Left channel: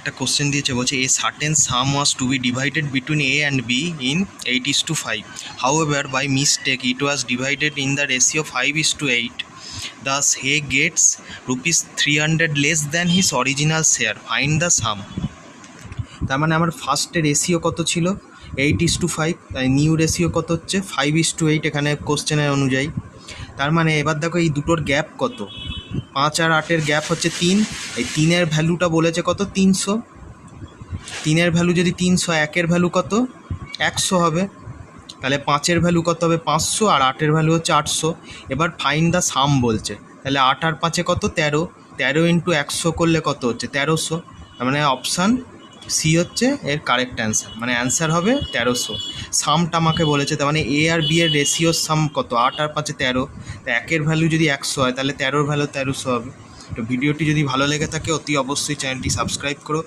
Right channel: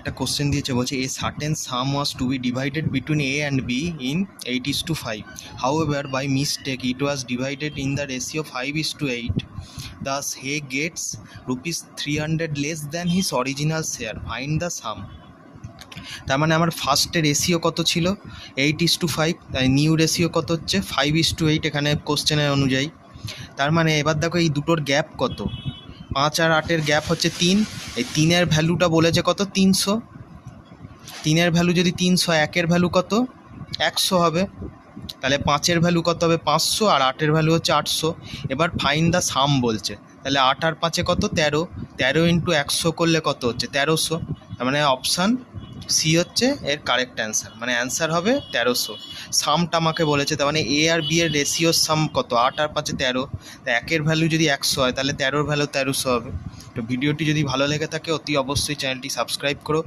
একটা কোশ্চেন দিয়েছে, বলছে a certain sum was to be divided between A and B in 8:5. However, by mistake it was divided in the ratio 5:8. Thus he gets rupees 300 less than his original share. Find the sum. তার মানে আমার ফার্স্টের ratio কত ছিল 8:5, তাই new ratio কত হচ্ছে 5:8 এখানে কোশ্চেনের অনুযায়ী। তার মানে এবার দেখো এই দুটোর গ্যাপ কত, 5 আর 8-এর গ্যাপ হচ্ছে 3, এই 3-এর ভ্যালুটা বলেছে কত 300, 3-এর ভ্যালু যদি 300, 1-এর ভ্যালু কত 100 হবে, তাহলে 5-এর ভ্যালু কত হবে 500 আর 8-এর ভ্যালু হচ্ছে 800। এবার ফাইন্ড দ্য সাম বলছে, তাহলে 8 আর 5-এ কত 13, 13 ইন্টু 100 করলে কত হচ্ছে 1300। তার মানে অপশান সি হচ্ছে এর কারেক্ট অ্যান্সার, মানে অ্যান্সার হবে 1300। সামটা আমাকে বলেছে, তার মানে এ আর বি এর রেশিওর সাম কত 8 আর 5-এ 13, তা 1-এর ভ্যালু যদি 100 হয় তাহলে 13-এর ভ্যালু 1300 হবে। তো ভিডিওটি যদি ভালো লেগে থাকে অতি অবশ্যই চ্যানেলটি সাবস্ক্রাইব করো।